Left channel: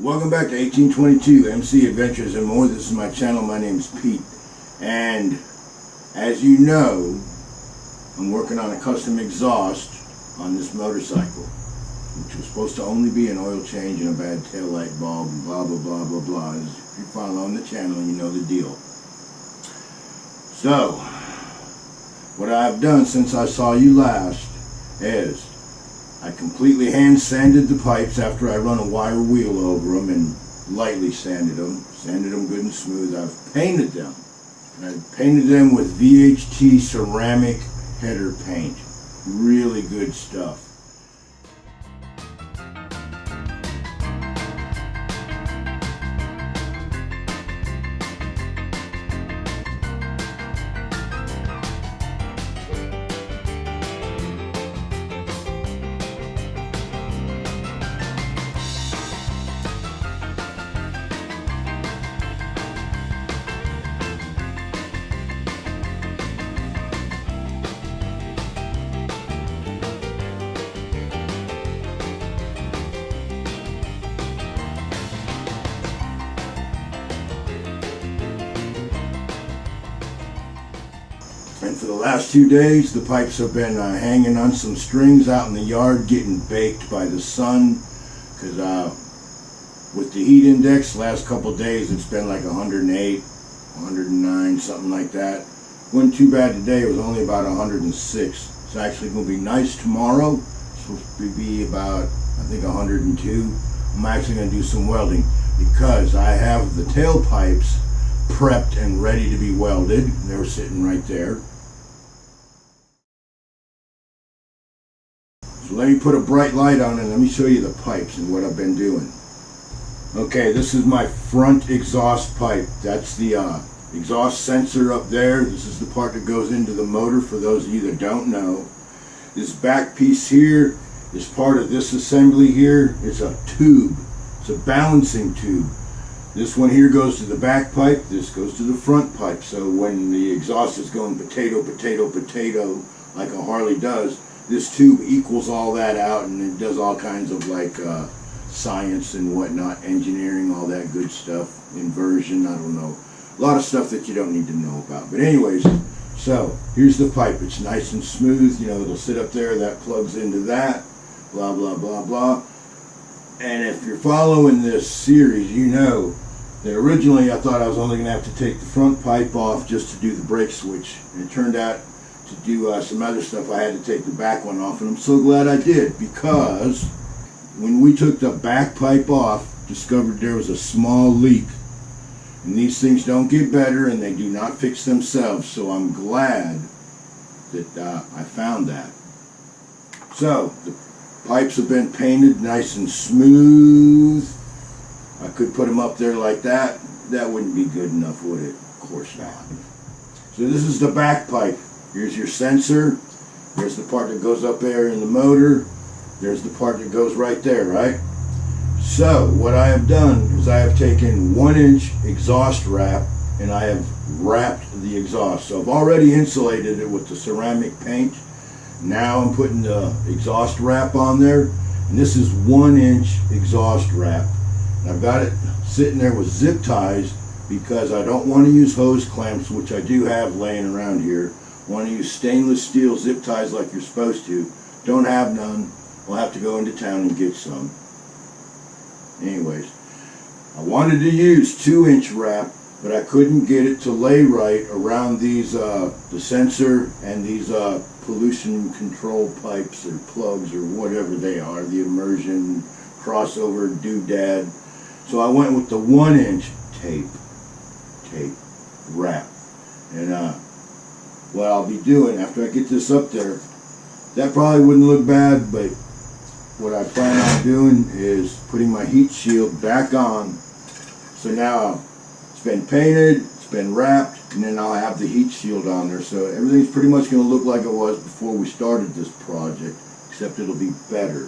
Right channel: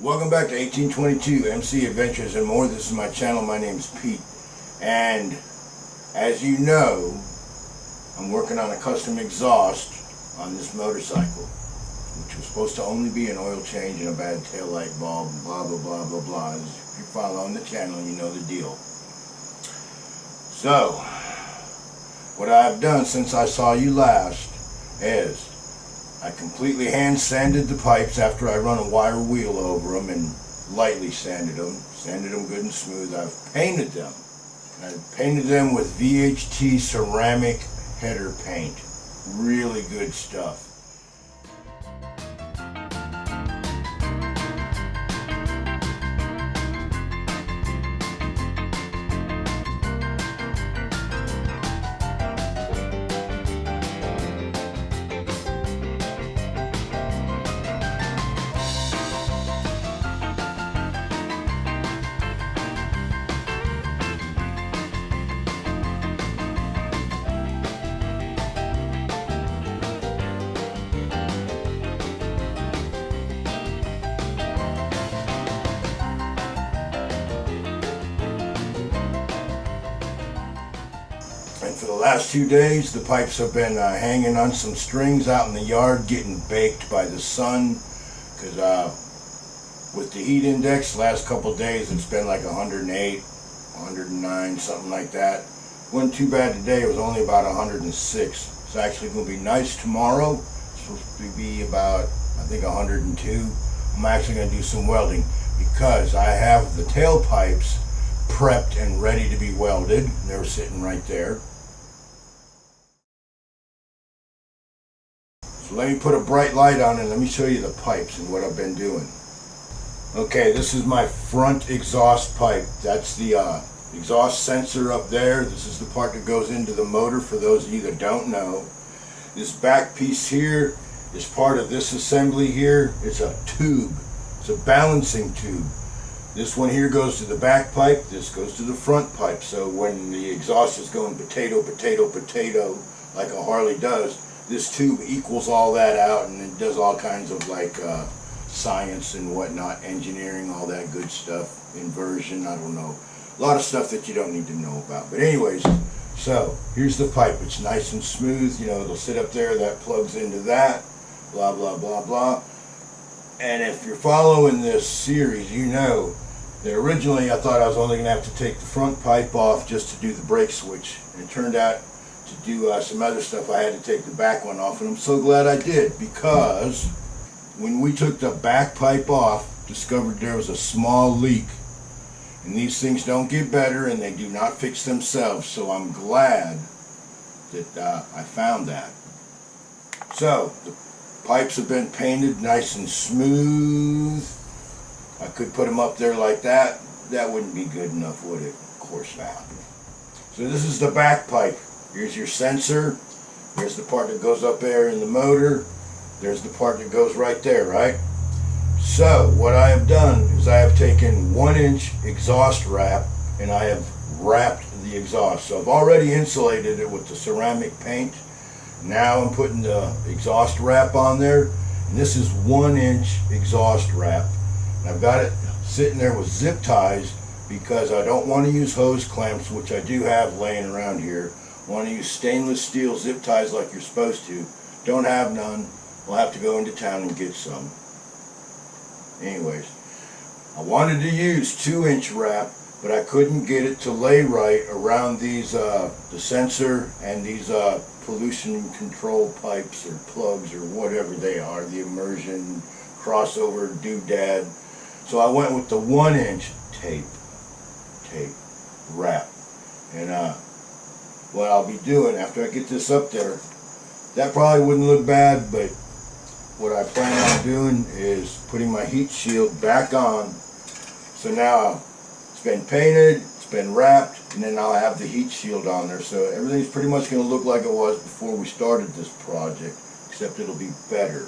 Welcome back to 1822 MC Adventures and More. This is my channel. My name's Pete, and as you know, I'm working on a custom exhaust on this motorcycle, which was supposed to only be an oil change and a bad tail light bulb and blah blah blah blah blah. If you're following the channel, you know the deal. So what I've done since I saw you last is I completely hand sanded the pipes after I run a wire wheel over them and lightly sanded them good and smooth. I've painted them, and I've painted them with VHT ceramic header paint. Really good stuff. And for the last 2 days, the pipes have been hanging on some strings out in the yard, getting baked by the sun. Because with the heat index, the last couple of days, it's been like 108, 109, something like that. Wasn't too bad today. It was only about 106. It's actually going to be nice tomorrow. It's supposed to be about, I think, 102. I'm actually going to do some welding because I have the tailpipes prepped and ready to be welded. They're sitting right there. So let me put a bright light on and let me show you the pipes and what I've been doing. Okay, this is my front exhaust pipe. That's the exhaust sensor up there. This is the part that goes into the motor, for those of you that don't know. This back piece here is part of this assembly here. It's a tube. It's a balancing tube. This one here goes to the back pipe, this goes to the front pipe. So when the exhaust is going potato, potato, potato, like a Harley does, this tube equals all that out, and it does all kinds of like science and whatnot, engineering, all that good stuff, inversion, I don't know. A lot of stuff that you don't need to know about. But anyways, so here's the pipe. It's nice and smooth, you know, it'll sit up there, that plugs into that, blah, blah, blah, blah. And if you're following this series, you know that originally I thought I was only going to have to take the front pipe off just to do the brake switch. And it turned out to do some other stuff, I had to take the back one off. And I'm so glad I did, because when we took the back pipe off, discovered there was a small leak. And these things don't get better and they do not fix themselves. So I'm glad that I found that. So the pipes have been painted nice and smooth. I could put them up there like that. That wouldn't be good enough, would it? Of course not. So this is the back pipe. Here's your sensor. There's the part that goes up there in the motor. There's the part that goes right there, right? So what I have done is I have taken 1-inch exhaust wrap and I have wrapped the exhaust. So I've already insulated it with the ceramic paint. Now I'm putting the exhaust wrap on there, and this is 1-inch exhaust wrap. And I've got it sitting there with zip ties because I don't want to use hose clamps, which I do have laying around here. I want to use stainless steel zip ties like you're supposed to. Don't have none. We'll have to go into town and get some. Anyways, I wanted to use 2-inch wrap, but I couldn't get it to lay right around these the sensor and these pollution control pipes or plugs or whatever they are, the immersion crossover doodad. So I went with the 1-inch tape wrap. And what I'll be doing after I get this up there, that probably wouldn't look bad, but what I plan on doing is putting my heat shield back on. So now it's been painted, it's been wrapped, and then I'll have the heat shield on there. So everything's pretty much going to look like it was before we started this project, except it'll be better.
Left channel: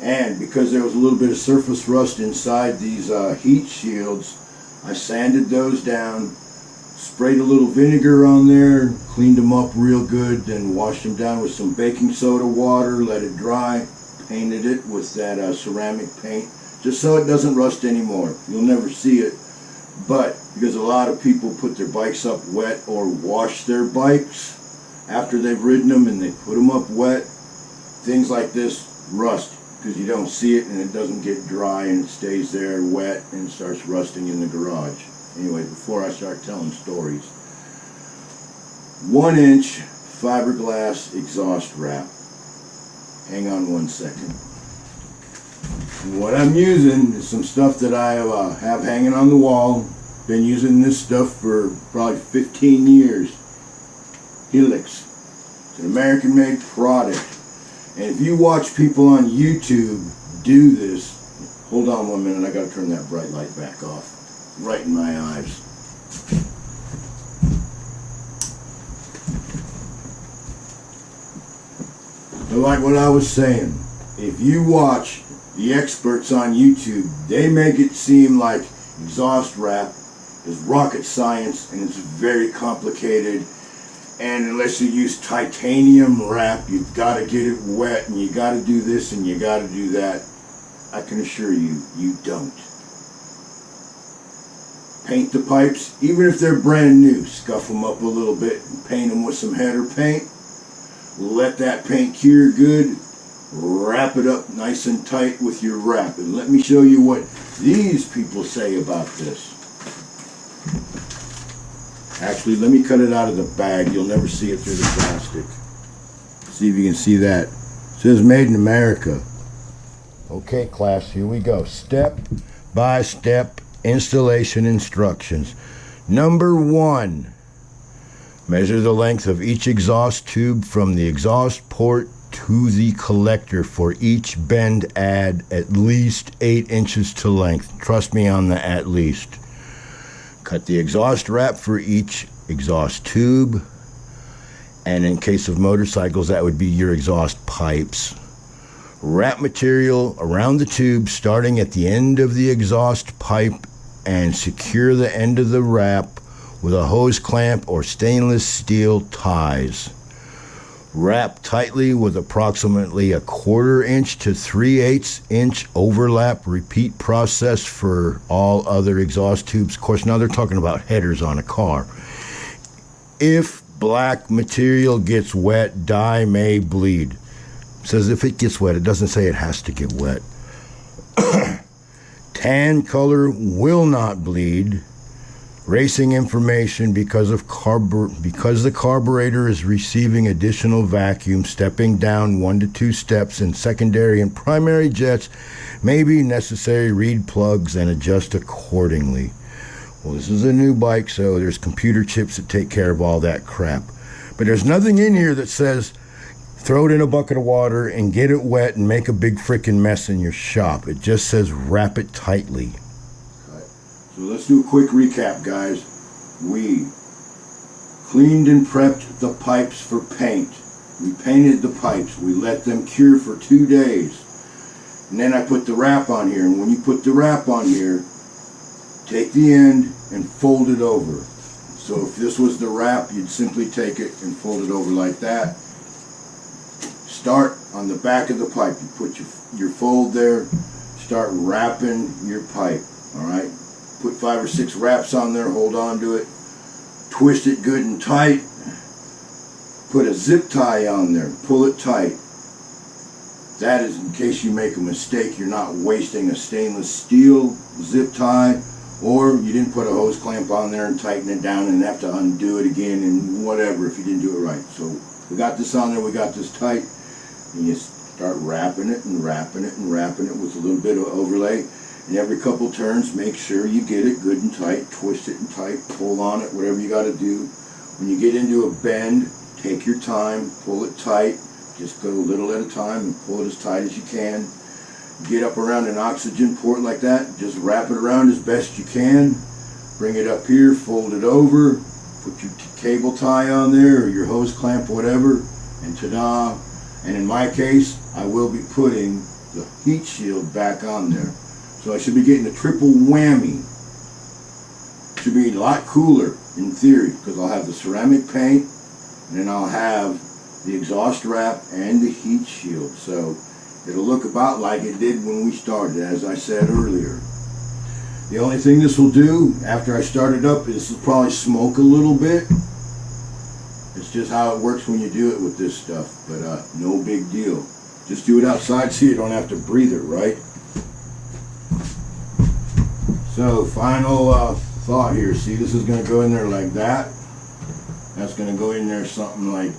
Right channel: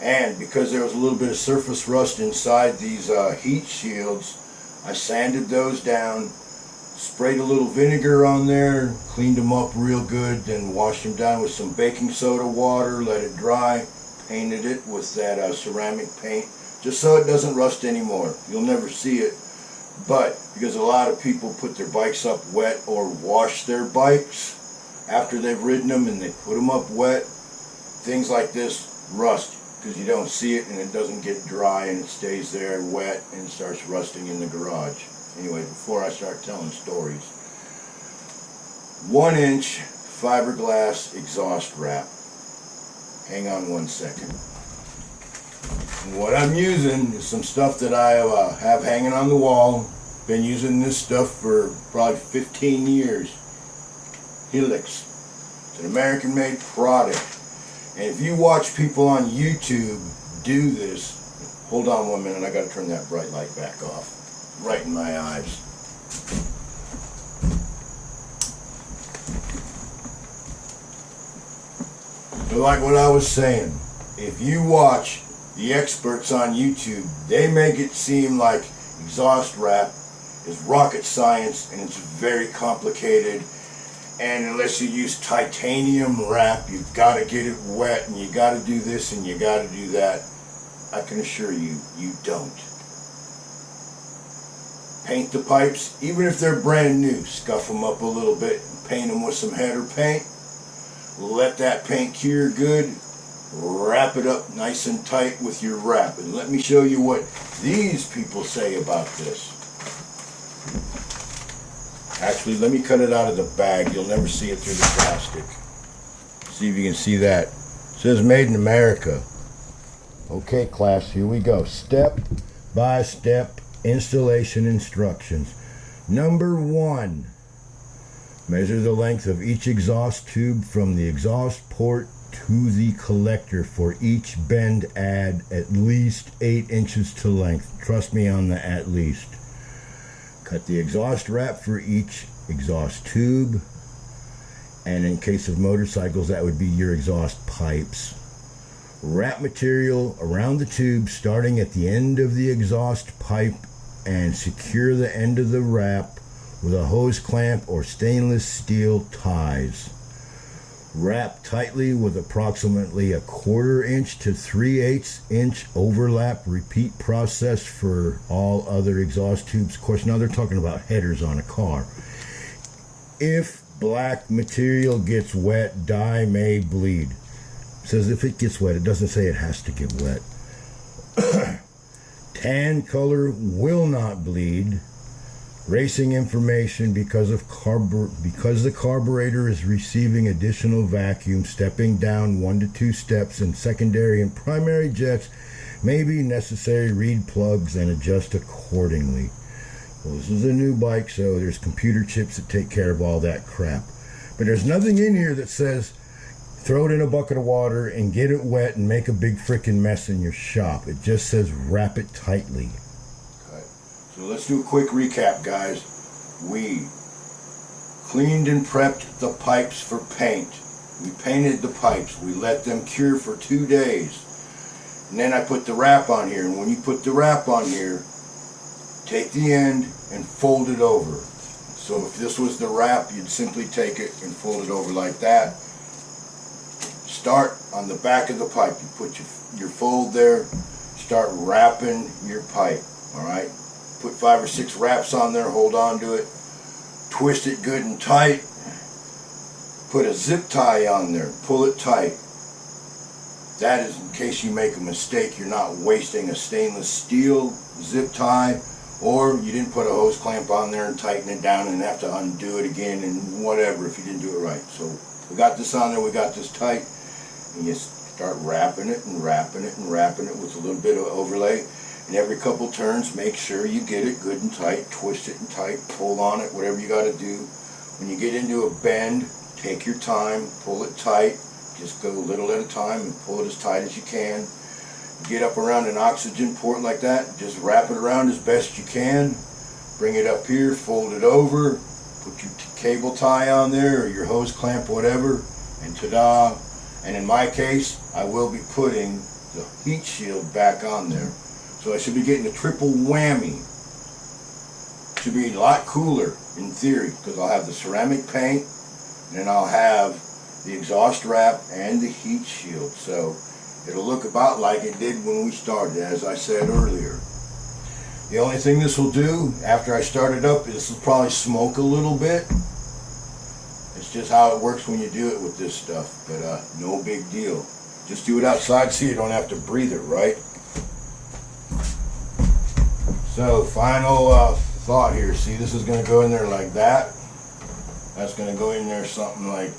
And because there was a little bit of surface rust inside these heat shields, I sanded those down, sprayed a little vinegar on there, cleaned them up real good, then washed them down with some baking soda water, let it dry, painted it with that ceramic paint just so it doesn't rust anymore. You'll never see it, but because a lot of people put their bikes up wet or wash their bikes after they've ridden them and they put them up wet, things like this rust because you don't see it and it doesn't get dry and it stays there wet and it starts rusting in the garage. Anyway, before I start telling stories, 1-inch fiberglass exhaust wrap. Hang on 1 second. And what I'm using is some stuff that I have hanging on the wall. Been using this stuff for probably 15 years. Helix. It's an American-made product. And if you watch people on YouTube do this, hold on 1 minute, I gotta turn that bright light back off. Right in my eyes. So like what I was saying, if you watch the experts on YouTube, they make it seem like exhaust wrap is rocket science and it's very complicated, and unless you use titanium wrap, you've got to get it wet and you got to do this and you got to do that. I can assure you, you don't. Paint the pipes, even if they're brand new, scuff them up a little bit and paint them with some header paint. Let that paint cure good. Wrap it up nice and tight with your wrap. And let me show you what these people say about this. Actually, let me cut it out of the bag. You'll never see it through the plastic. See if you can see that. It says made in America. Okay, class, here we go. Step by step installation instructions. Number 1. Measure the length of each exhaust tube from the exhaust port to the collector. For each bend, add at least 8 inches to length. Trust me on the at least. Cut the exhaust wrap for each exhaust tube. And in case of motorcycles, that would be your exhaust pipes. Wrap material around the tube starting at the end of the exhaust pipe and secure the end of the wrap with a hose clamp or stainless steel ties. Wrap tightly with approximately 1/4 inch to 3/8 inch overlap. Repeat process for all other exhaust tubes. Of course, now they're talking about headers on a car. If black material gets wet, dye may bleed. It says if it gets wet, it doesn't say it has to get wet. Tan color will not bleed. Racing information because the carburetor is receiving additional vacuum, stepping down 1 to 2 steps in secondary and primary jets may be necessary. Read plugs and adjust accordingly. Well, this is a new bike, so there's computer chips that take care of all that crap. But there's nothing in here that says throw it in a bucket of water and get it wet and make a big freaking mess in your shop. It just says wrap it tightly. So let's do a quick recap, guys. We cleaned and prepped the pipes for paint. We painted the pipes. We let them cure for 2 days. And then I put the wrap on here. And when you put the wrap on here, take the end and fold it over. So if this was the wrap, you'd simply take it and fold it over like that. Start on the back of the pipe. You put your fold there. Start wrapping your pipe. All right? Put 5 or 6 wraps on there, hold on to it, twist it good and tight, put a zip tie on there, pull it tight. That is in case you make a mistake, you're not wasting a stainless steel zip tie, or you didn't put a hose clamp on there and tighten it down and have to undo it again and whatever if you didn't do it right. So we got this on there, we got this tight, and you start wrapping it and wrapping it and wrapping it with a little bit of overlay. And every couple turns, make sure you get it good and tight, twist it and tight, pull on it, whatever you got to do. When you get into a bend, take your time, pull it tight, just go a little at a time and pull it as tight as you can. Get up around an oxygen port like that, just wrap it around as best you can. Bring it up here, fold it over, put your cable tie on there or your hose clamp, whatever, and ta-da. And in my case, I will be putting the heat shield back on there. So I should be getting a triple whammy. Should be a lot cooler in theory because I'll have the ceramic paint and then I'll have the exhaust wrap and the heat shield. So It'll look about like it did when we started, as I said earlier. The only thing this will do after I start it up is this will probably smoke a little bit. It's just how it works when you do it with this stuff, but no big deal. Just do it outside so you don't have to breathe it, right? So, final thought here. See, this is going to go in there like that. That's going to go in there something like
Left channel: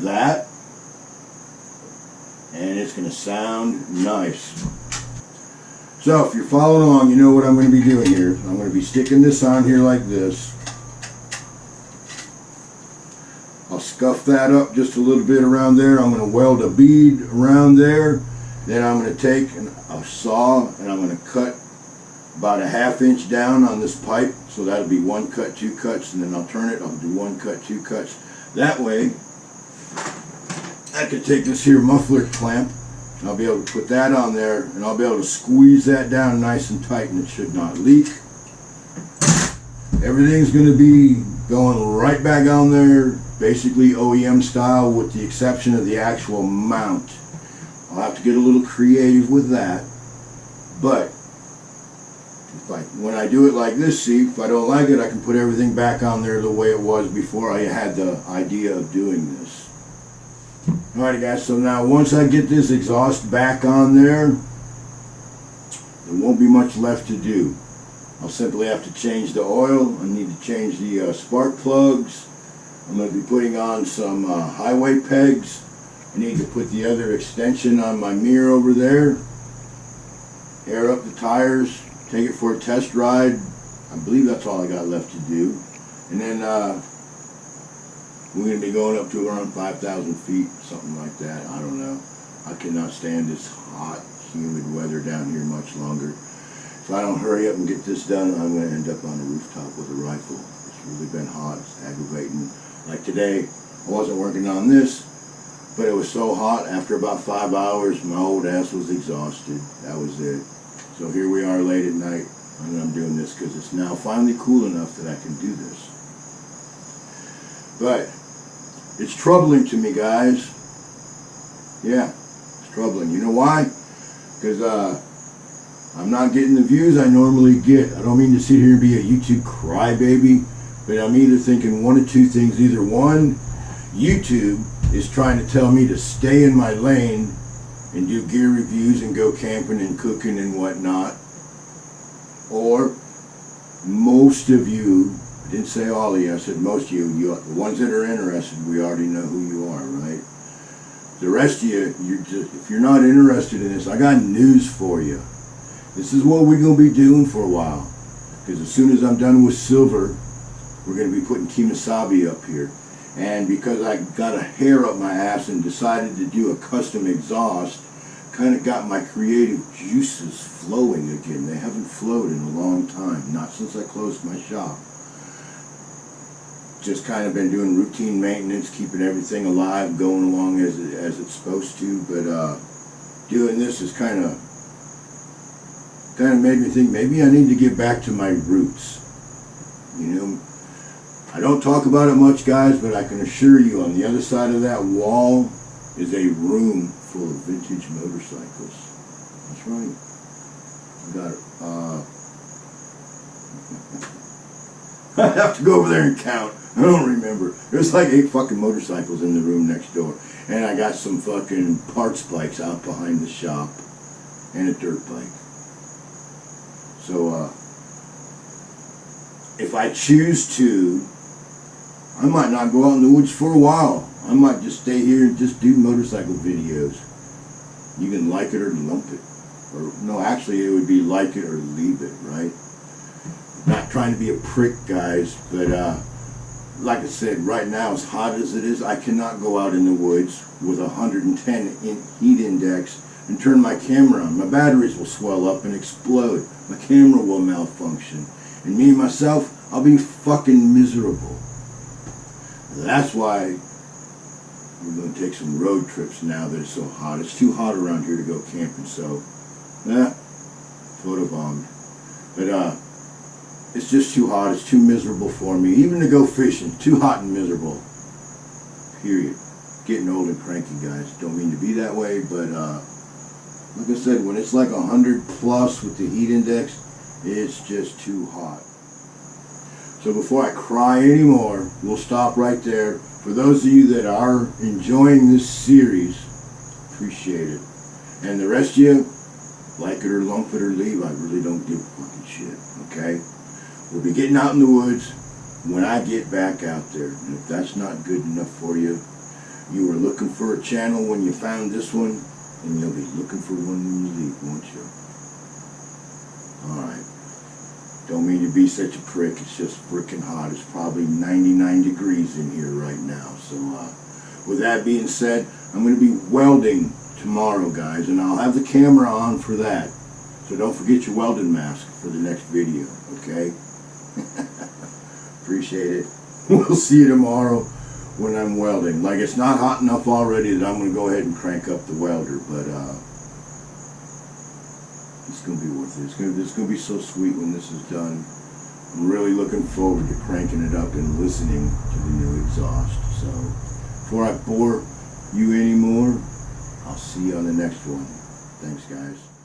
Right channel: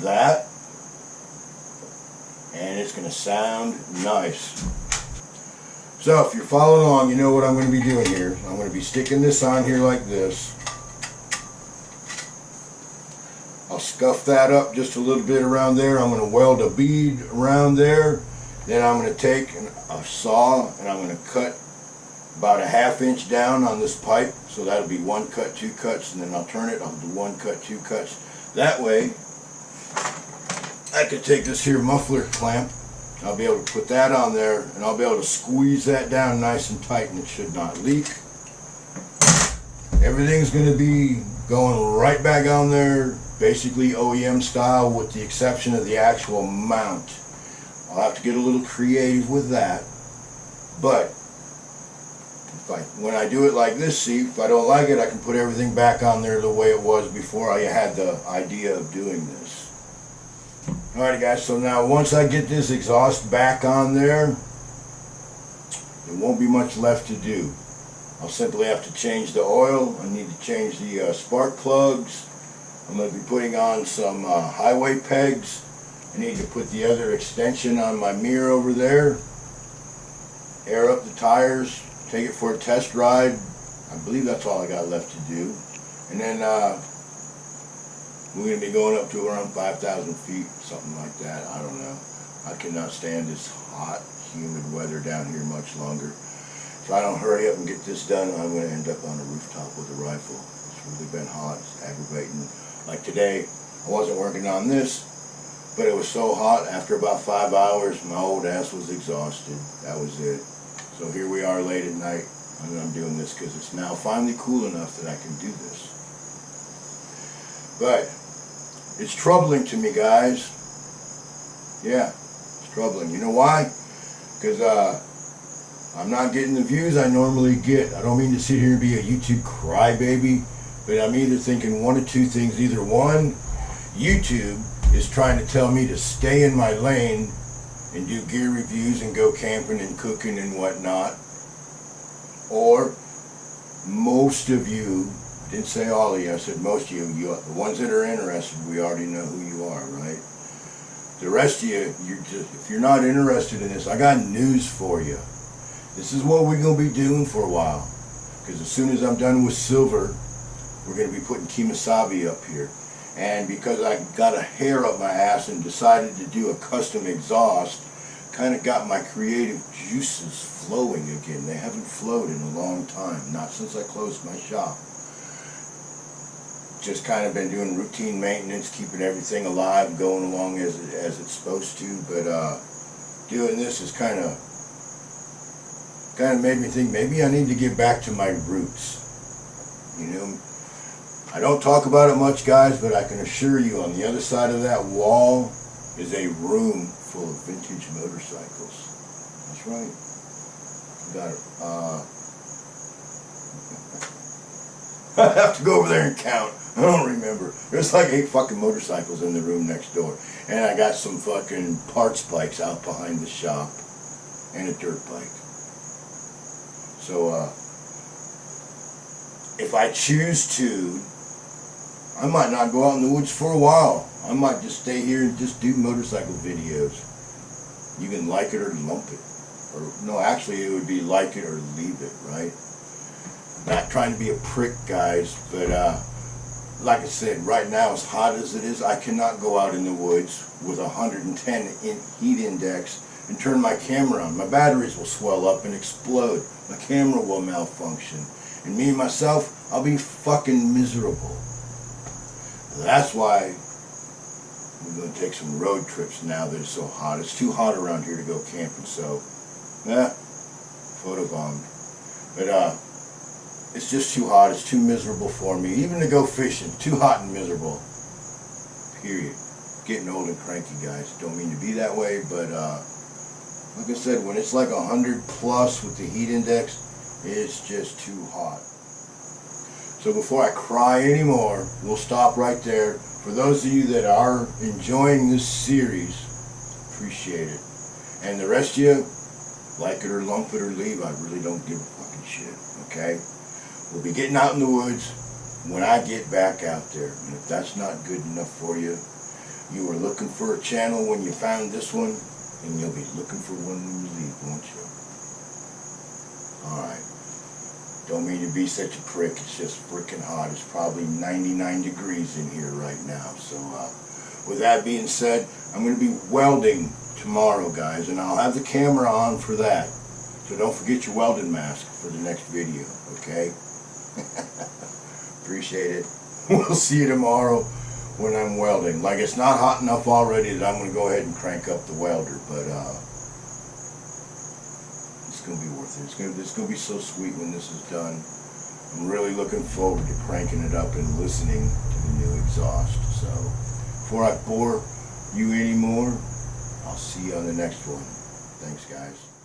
that. And it's going to sound nice. So, if you're following along, you know what I'm going to be doing here. I'm going to be sticking this on here like this. I'll scuff that up just a little bit around there. I'm going to weld a bead around there. Then I'm going to take a saw and I'm going to cut about a 1/2 inch down on this pipe. So that'll be 1 cut, 2 cuts, and then I'll turn it. I'll do 1 cut, 2 cuts. That way, I can take this here muffler clamp. I'll be able to put that on there and I'll be able to squeeze that down nice and tight and it should not leak. Everything's going to be going right back on there, basically OEM style with the exception of the actual mount. I'll have to get a little creative with that, but when I do it like this, see, if I don't like it, I can put everything back on there the way it was before I had the idea of doing this. Alright guys, so now once I get this exhaust back on there, there won't be much left to do. I'll simply have to change the oil. I need to change the spark plugs. I'm going to be putting on some highway pegs. I need to put the other extension on my mirror over there. Air up the tires. Take it for a test ride. I believe that's all I got left to do. And then we're going to be going up to around 5,000 feet, something like that. I don't know. I cannot stand this hot, humid weather down here much longer. If I don't hurry up and get this done, I'm going to end up on a rooftop with a rifle. It's really been hot. It's aggravating. Like today, I wasn't working on this, but it was so hot, after about 5 hours, my old ass was exhausted. That was it. So here we are late at night, and I'm doing this because it's now finally cool enough that I can do this. But it's troubling to me, guys. Yeah, it's troubling. You know why? Because I'm not getting the views I normally get. I don't mean to sit here and be a YouTube crybaby, but I'm either thinking one of two things. Either one, YouTube is trying to tell me to stay in my lane and do gear reviews and go camping and cooking and whatnot. Or most of you, I didn't say all of you, I said most of you, the ones that are interested, we already know who you are, right? The rest of you, if you're not interested in this, I got news for you. This is what we're going to be doing for a while. Because as soon as I'm done with silver, we're going to be putting Kemosabe up here. And because I got a hair up my ass and decided to do a custom exhaust, kind of got my creative juices flowing again. They haven't flowed in a long time, not since I closed my shop. Just kind of been doing routine maintenance, keeping everything alive, going along as it's supposed to. But doing this is kind of made me think maybe I need to get back to my roots. You know, I don't talk about it much, guys, but I can assure you on the other side of that wall is a room full of vintage motorcycles. That's right. I got it. I have to go over there and count. I don't remember. There's like 8 fucking motorcycles in the room next door. And I got some fucking parts bikes out behind the shop. And a dirt bike. So, if I choose to, I might not go out in the woods for a while. I might just stay here and just do motorcycle videos. You can like it or lump it. Or, no, actually it would be like it or leave it, right? Not trying to be a prick, guys, but like I said, right now, as hot as it is, I cannot go out in the woods with 110 heat index and turn my camera on. My batteries will swell up and explode. My camera will malfunction. And me, myself, I'll be fucking miserable. That's why we're going to take some road trips now that it's so hot. It's too hot around here to go camping, so, photobombed. But, it's just too hot. It's too miserable for me. Even to go fishing, too hot and miserable. Period. Getting old and cranky, guys. Don't mean to be that way, but Like I said, when it's like 100 plus with the heat index, it's just too hot. So before I cry anymore, we'll stop right there. For those of you that are enjoying this series, appreciate it. And the rest of you, like it or lump it or leave, I really don't give a fucking shit, okay? We'll be getting out in the woods when I get back out there. And if that's not good enough for you, you were looking for a channel when you found this one, and you'll be looking for one when you leave, won't you? Alright. Don't mean to be such a prick, it's just freaking hot. It's probably 99 degrees in here right now. So with that being said, I'm going to be welding tomorrow, guys, and I'll have the camera on for that. So don't forget your welding mask for the next video, okay? Appreciate it. We'll see you tomorrow when I'm welding. Like, it's not hot enough already that I'm going to go ahead and crank up the welder, but it's going to be worth it. It's going to be so sweet when this is done. I'm really looking forward to cranking it up and listening to the new exhaust. So before I bore you anymore, I'll see you on the next one. Thanks, guys.